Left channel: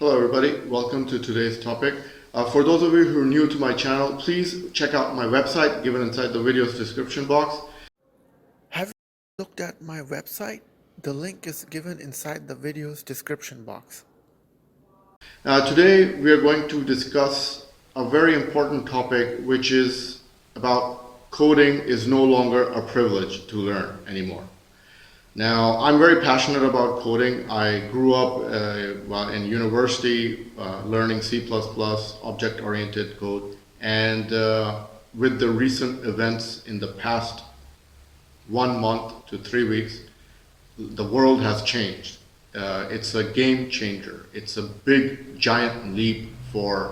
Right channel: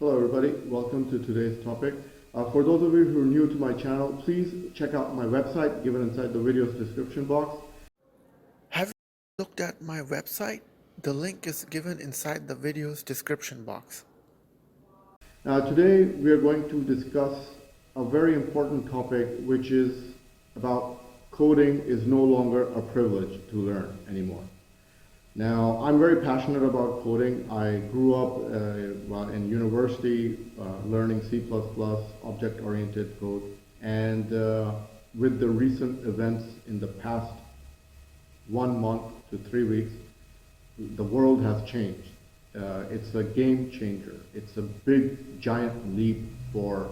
Hello everybody, welcome to today's topic. For those of you who are new to my channel, please check out my website given inside the video's description box. Have you looked at my website? The link is given inside the video's description box. Today we are going to discuss a very important topic, which is about coding is no longer a privilege to learn anymore. Now, I'm very passionate about coding. I grew up in university learning C++, object-oriented code, and with the recent events in the past 1 month to 3 weeks, the world has changed. It's a game changer. It's a big, giant leap for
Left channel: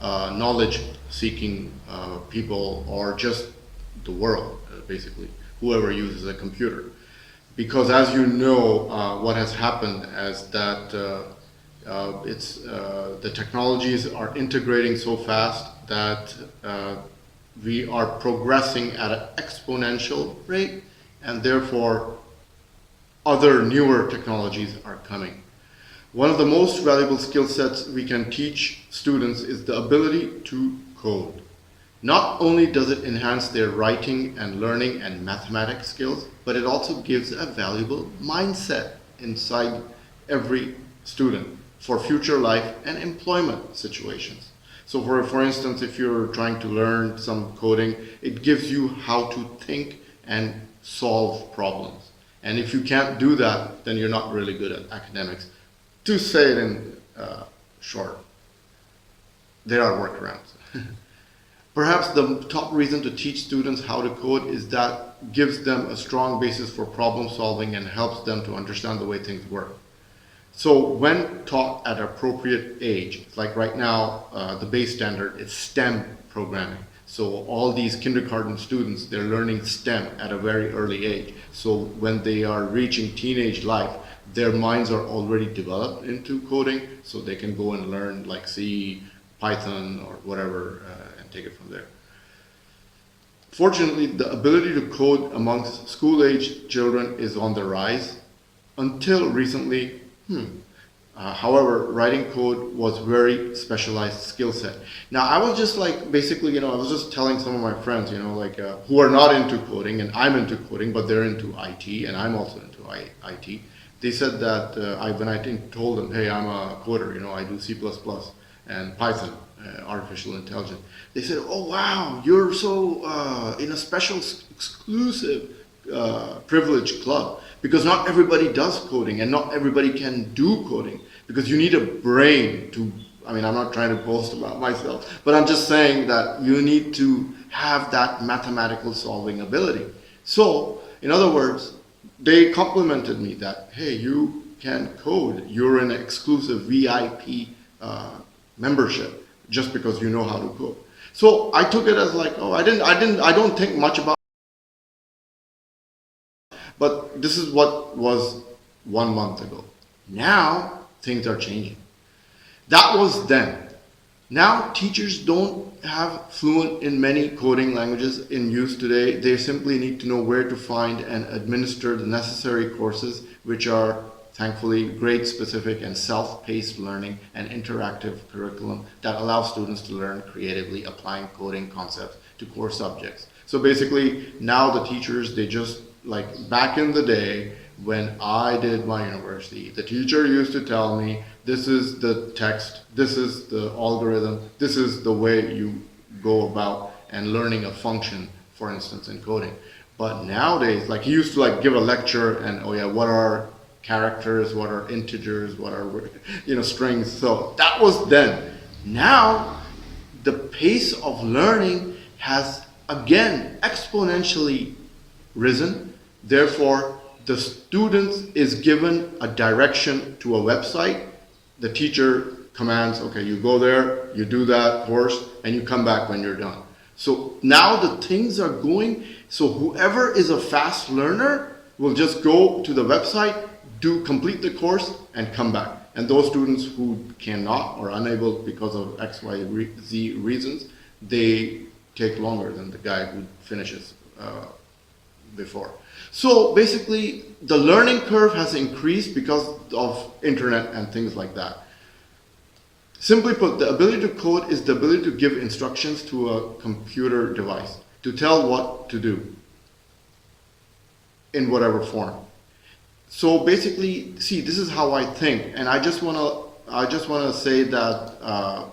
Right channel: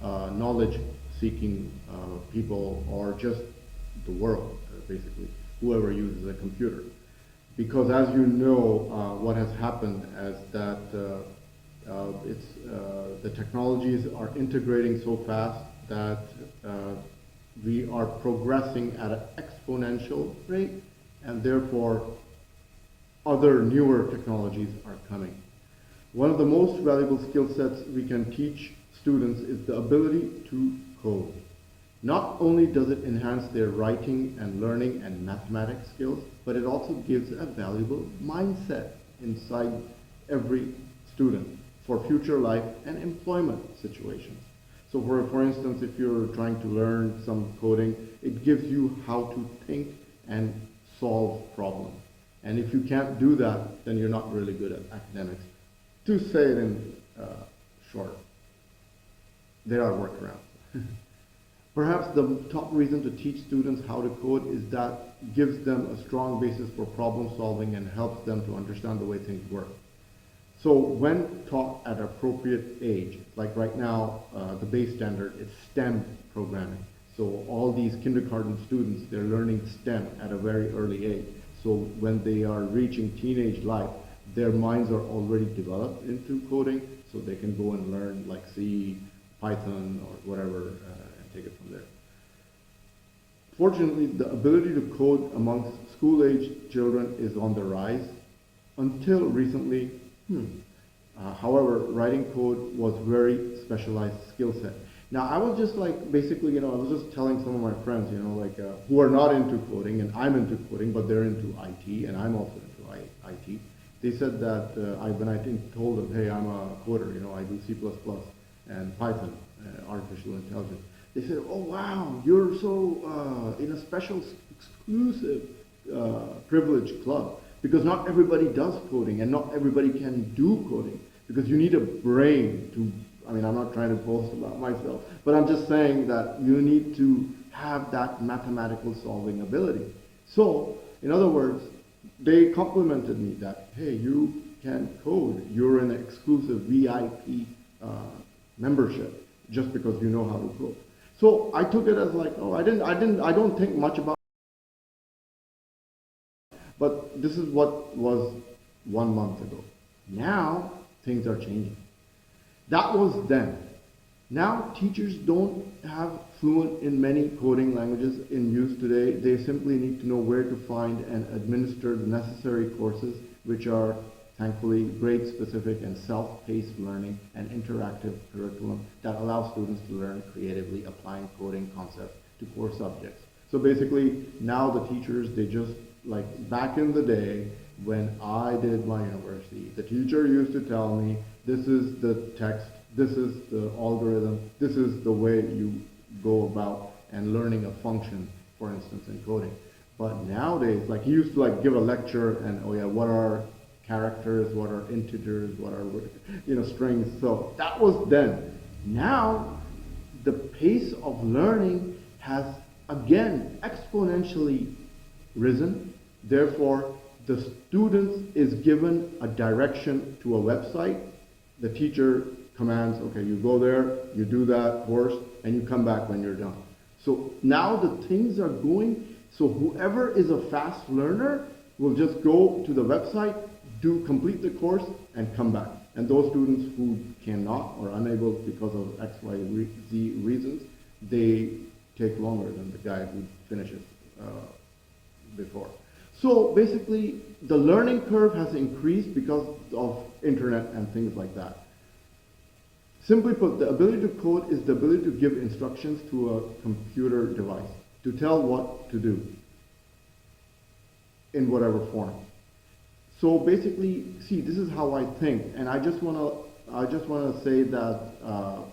knowledge-seeking people, or just the world, basically, whoever uses a computer. Because as you know, what has happened is that the technologies are integrating so fast that we are progressing at an exponential rate, and therefore other newer technologies are coming. One of the most valuable skill sets we can teach students is the ability to code. Not only does it enhance their writing and learning and mathematics skills, but it also gives a valuable mindset inside every student for future life and employment situations. So for instance, if you're trying to learn some coding, it gives you how to think and solve problems. And if you can't do that, then you're not really good at academics. To say it in short, there are workarounds. Perhaps the top reason to teach students how to code is that gives them a strong basis for problem solving and helps them to understand the way things work. So when taught at appropriate age, like right now, the base standard is STEM programming. So all these kindergarten students, they're learning STEM at a very early age. So when they are reaching teenage life, their minds are already developed into coding, so they can go and learn like C, Python, or whatever, and take it from there. Fortunately, the ability to code amongst school-age children is on the rise. Until recently, however, writing code was very specialized skill set. Now, I was just like, basically, I was just telling some of my friends, who are not into coding, and I'm into coding, but they're into IT, and I'm also into IT. They said that when I told them, hey, I'm a coder, I do C++ and Python, artificial intelligence. They said, oh wow, you're so in a special exclusive privileged club, because not everybody does coding and not everybody can do coding, because you need a brain to, I'm not trying to boast about myself, but I'm just saying that you need to have that mathematical solving ability. So in other words, they complimented me that, hey, you can code, you're in an exclusive VIP membership just because you know how to code. So I took it as like, oh, I don't think much about it. But this is what was 1 month ago. Now things are changing. That was then. Now teachers don't have fluent in many coding languages in use today. They simply need to know where to find and administer the necessary courses, which are thankfully grade specific and self-paced learning and interactive curriculum that allows students to learn creatively applying coding concepts to core subjects. So basically now the teachers, they just, like back in the day when I did my university, the teacher used to tell me, this is the text, this is the algorithm, this is the way you go about and learning a function, for instance, in coding. But nowadays, like he used to like give a lecture and, oh yeah, what are characters, what are integers, what are strings. So that was then. Now the pace of learning has again exponentially risen. Therefore, the student is given a direction to a website. The teacher commands, okay, you go there, you do that course, and you come back when you're done. So now the things are going, so whoever is a fast learner will just go to the website, complete the course, and come back. And those students who cannot or unable because of X, Y, Z reasons, they take longer than the guy who finishes before. So basically, the learning curve has increased because of internet and things like that. Simply put, the ability to code is the ability to give instructions to a computer device to tell what to do in whatever form. So basically, see, this is how I think, and I just wanna say that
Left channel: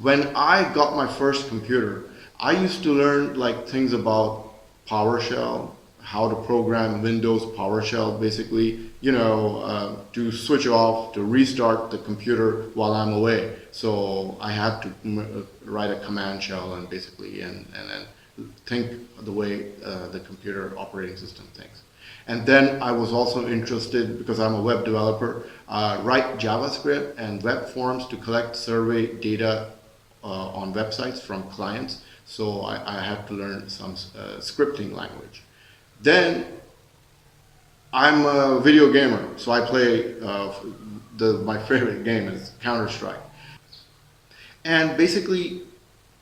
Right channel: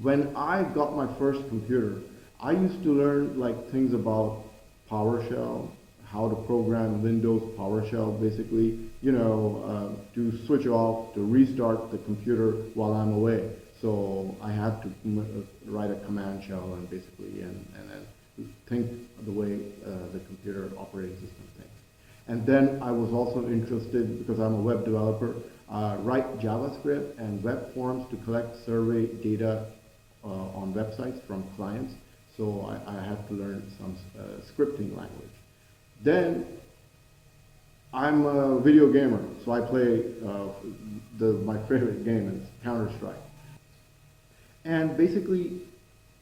when I got my first computer, I used to learn like things about PowerShell, how to program Windows PowerShell, basically, to switch off, to restart the computer while I'm away. So I had to write a command shell and basically, and then think the way the computer operating system thinks. And then I was also interested, because I'm a web developer, write JavaScript and web forms to collect survey data on websites from clients. So I had to learn some scripting language. Then I'm a video gamer, so I play, my favorite game is CounterStrike. And basically,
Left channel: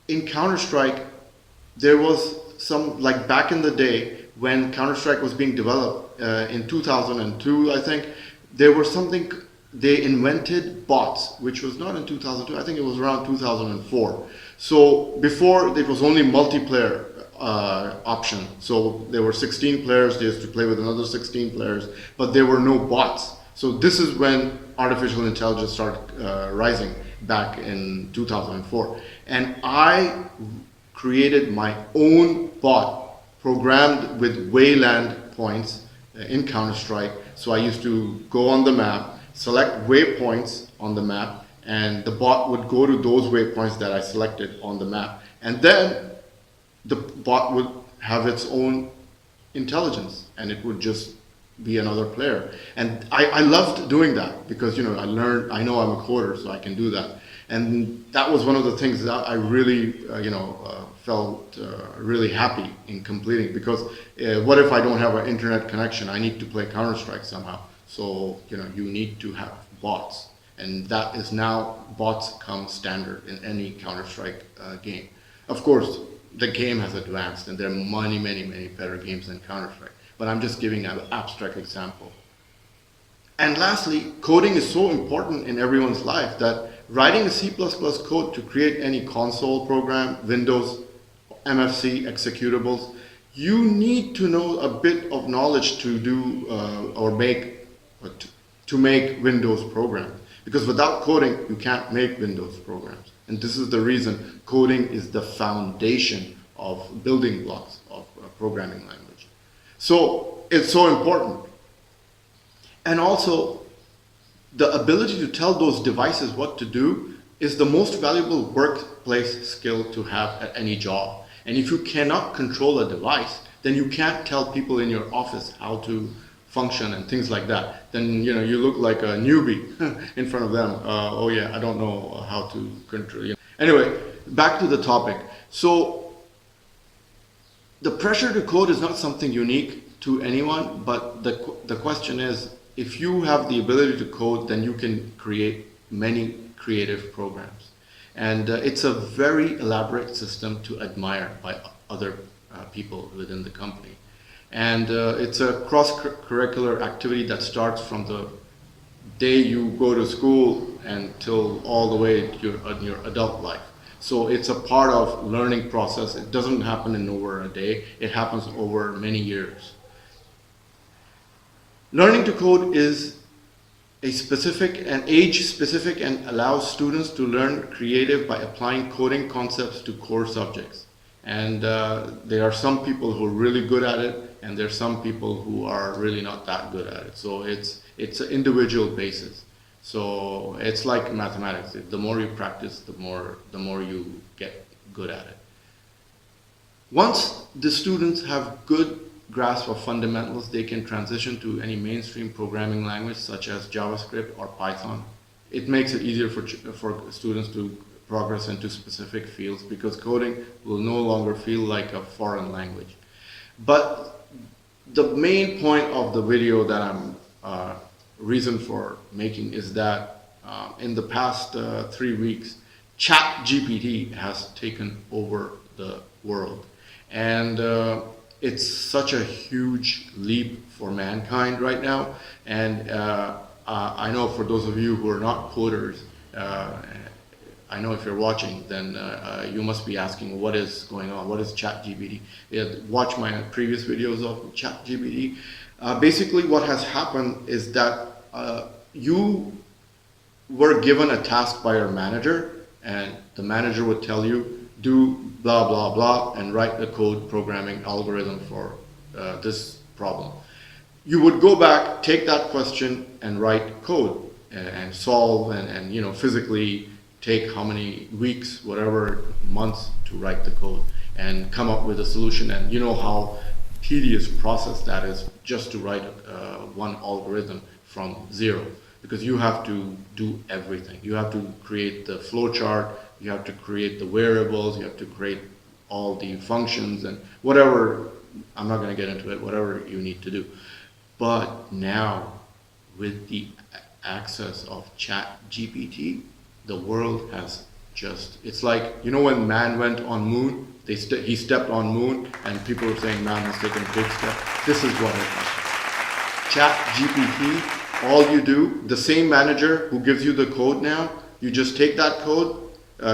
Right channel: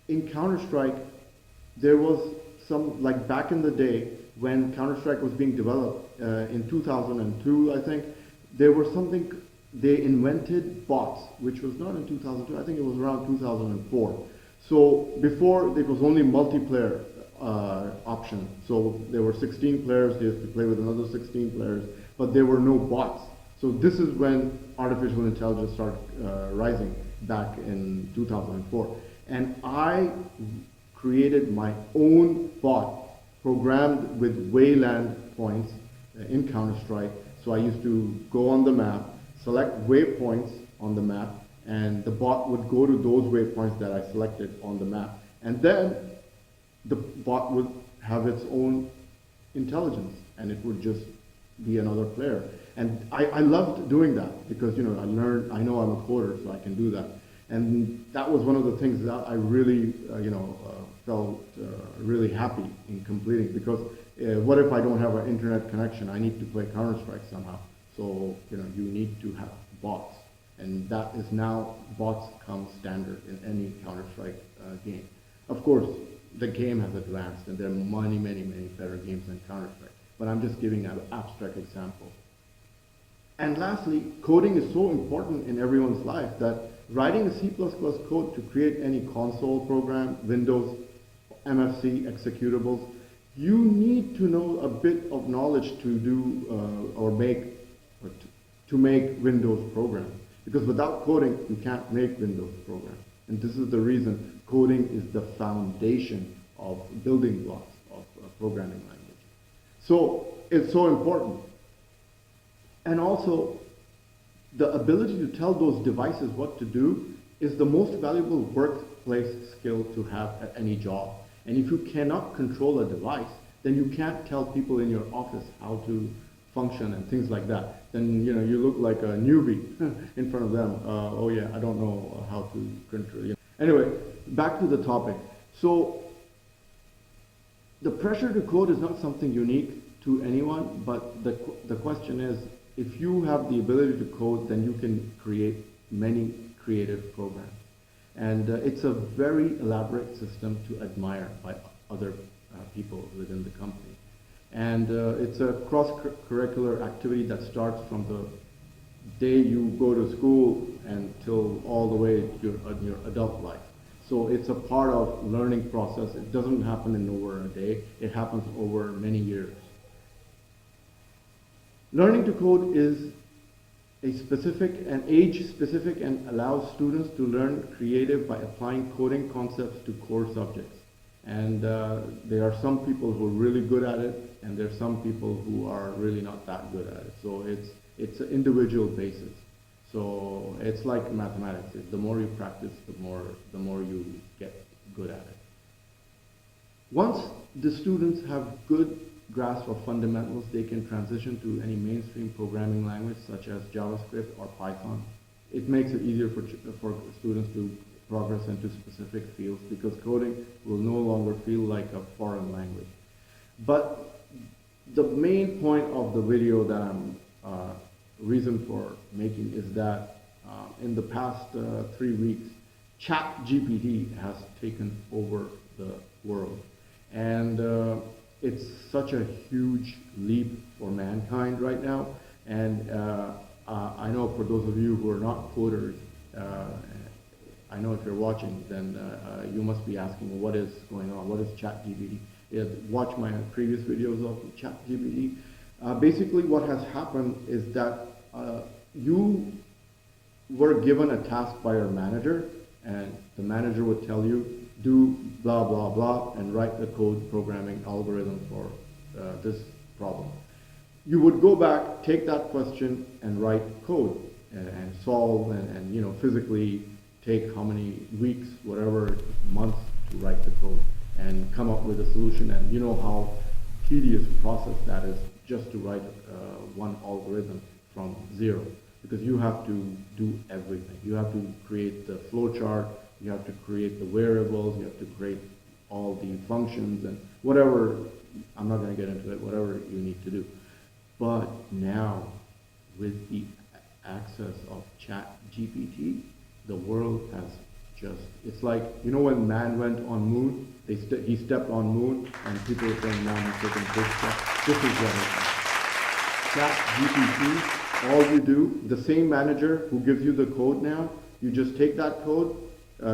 in CounterStrike, there was some, like back in the day, when Counter-Strike was being developed in 2002, I think, there was something, they invented bots, which was not in 2002, I think it was around 2004. So before, it was only multiplayer option. So there were 16 players, they used to play with another 16 players, but there were no bots. So this is when artificial intelligence started rising back in 2004. And I created my own bot programmed with wayland points in Counter-Strike. So I used to go on the map, select waypoints on the map, and the bot would go to those waypoints that I selected on the map. And then the bot would have its own intelligence, and it would just be another player. And I loved doing that because, I know I'm a coder, so I can do that. And that was one of the things that I really, felt really happy in completing, because what if I don't have an internet connection? I need to play Counter-Strike somehow. So, you need to have bots. And that is now, bots come standard in any Counter-Strike game. Of course, the game has advanced and there are many, many, many better games than Counter-Strike. But I'm just giving an abstract example. And lastly, coding is so important in everyone's life that writing a C++ code to create any console program, Windows, MFC, executables, you need to know a bit of knowledge to do to make Windows programs. Because without coding, you can't make Windows programs. And this is the reason coding is the foundation of building blocks of programming language. So it's so important. And also, the ability to tell those devices what to do is the most valuable workplace skill to have at any job. And if you cannot control a device, then you can't tell people in your office how to function and things like that. Then you look like a newbie in front of them. Oh yeah, I don't know how to control. Anyway, back to the topic. So the pressure to code is not something unique to anyone, but the question is, if you have the ability to code, then you can create many creative programs. And it's a very elaborate system to admire by other people within the company. And it's a cross-curricular activity that starts from the day you go to school until all the way to your adult life. So it's a part of learning process. It doesn't happen in over a day. It happens over many years. Learning to code is age-specific and allows students to learn creative by applying coding concepts to core subjects. And there are some people who are really good at it, and there are some people who are really not that good at it. So it's an individual basis. So it's like mathematics. The more you practice, the more you get good at it. Once the students have good grasp of fundamentals, they can transition to any mainstream programming language such as JavaScript or Python. It makes it easier for students to progress into specific fields because coding will no longer feel like a foreign language. But the main point of the video that I'm reason for making is that in the past 3 weeks, ChatGPT has taken over the world. And it's such a huge leap for mankind right now. And I know for those of you who are not coders, I know if you're watching, then you must be asking what is going on. What is ChatGPT? Watch my previous videos of ChatGPT. Basically, what has happened is that you were given a task by your manager, and the manager would tell you, do blah blah blah and write a code programming algorithm for this problem. You would go back, take that question and write code and solve and physically take how many weeks, whatever months to write the code and come up with a solution. And you know how tedious process that is just to write one algorithm from zero, because you have to do everything. You have to create the flowchart, you have to create the variables, you have to create all the functions and whatever. I'm not going to get into it, whatever you need to do. But now, with the access of ChatGPT, the world has just, it's like, when man went on moon, he stepped on moon, and people were saying man has taken a big step. This is what it is. ChatGPT, all you do, the same manager who gives you the code now, you just take that code,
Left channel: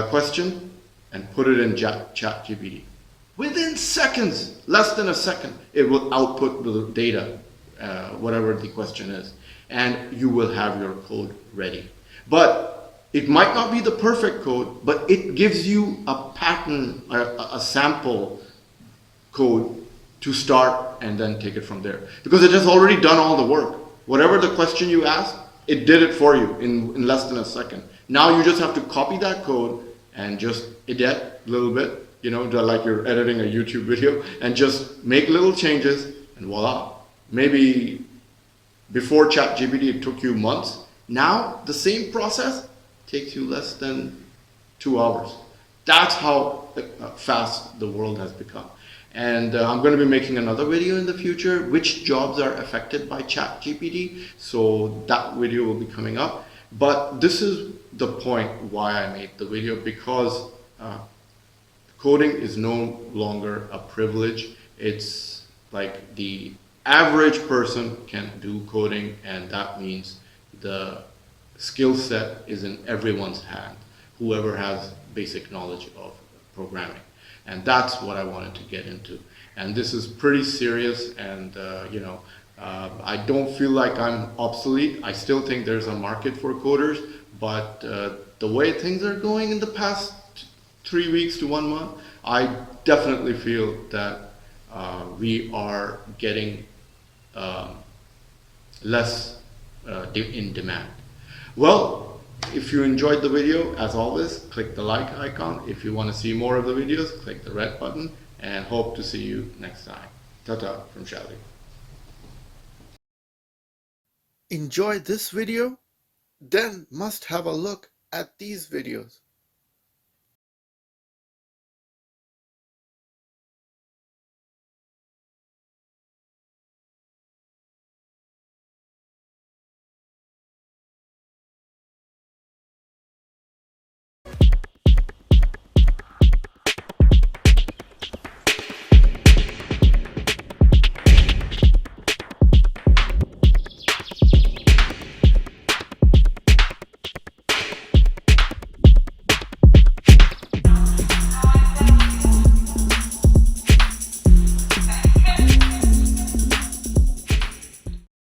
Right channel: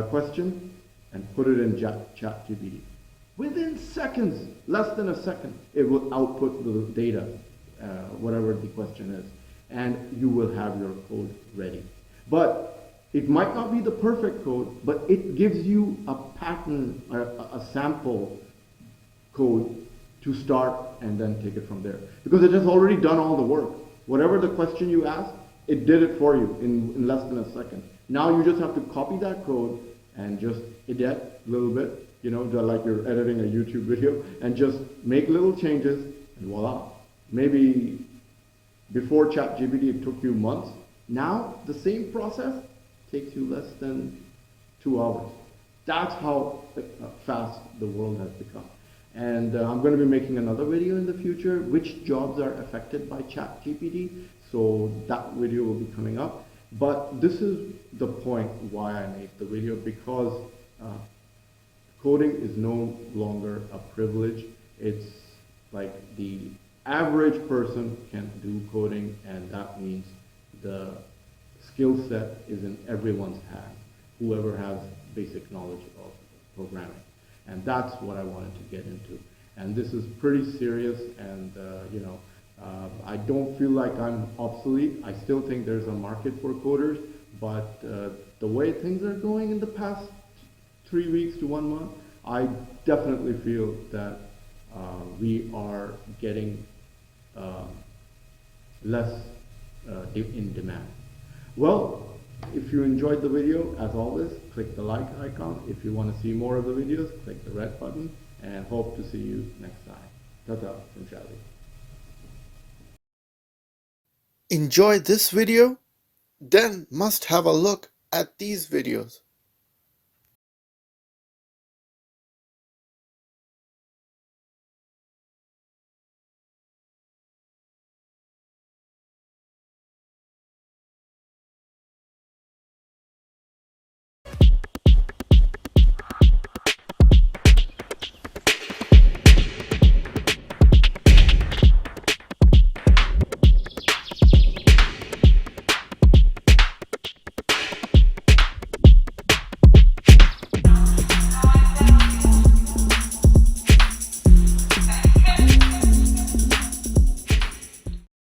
question, and put it in ChatGPT. Within seconds, less than a second, it will output the data, whatever the question is, and you will have your code ready. But it might not be the perfect code, but it gives you a pattern, a sample code to start and then take it from there. Because it has already done all the work. Whatever the question you asked, it did it for you in less than a second. Now you just have to copy that code and just edit a little bit, like you're editing a YouTube video, and just make little changes, and voila. Maybe before ChatGPT it took you months. Now the same process takes you less than 2 hours. That's how fast the world has become. And I'm going to be making another video in the future, which jobs are affected by ChatGPT. So that video will be coming up. But this is the point why I made the video, because coding is no longer a privilege. It's like the average person can do coding, and that means the skill set is in everyone's hand, whoever has basic knowledge of programming. And that's what I wanted to get into. And this is pretty serious, and I don't feel like I'm obsolete. I still think there's a market for coders, but the way things are going in the past 3 weeks to 1 month, I definitely feel that we are getting less in demand. Well, if you enjoyed the video, as always, click the like icon. If you want to see more of the videos, click the red button, and hope to see you next time. Ta-ta from Shadi. Enjoy this video? Then must have a look at these videos.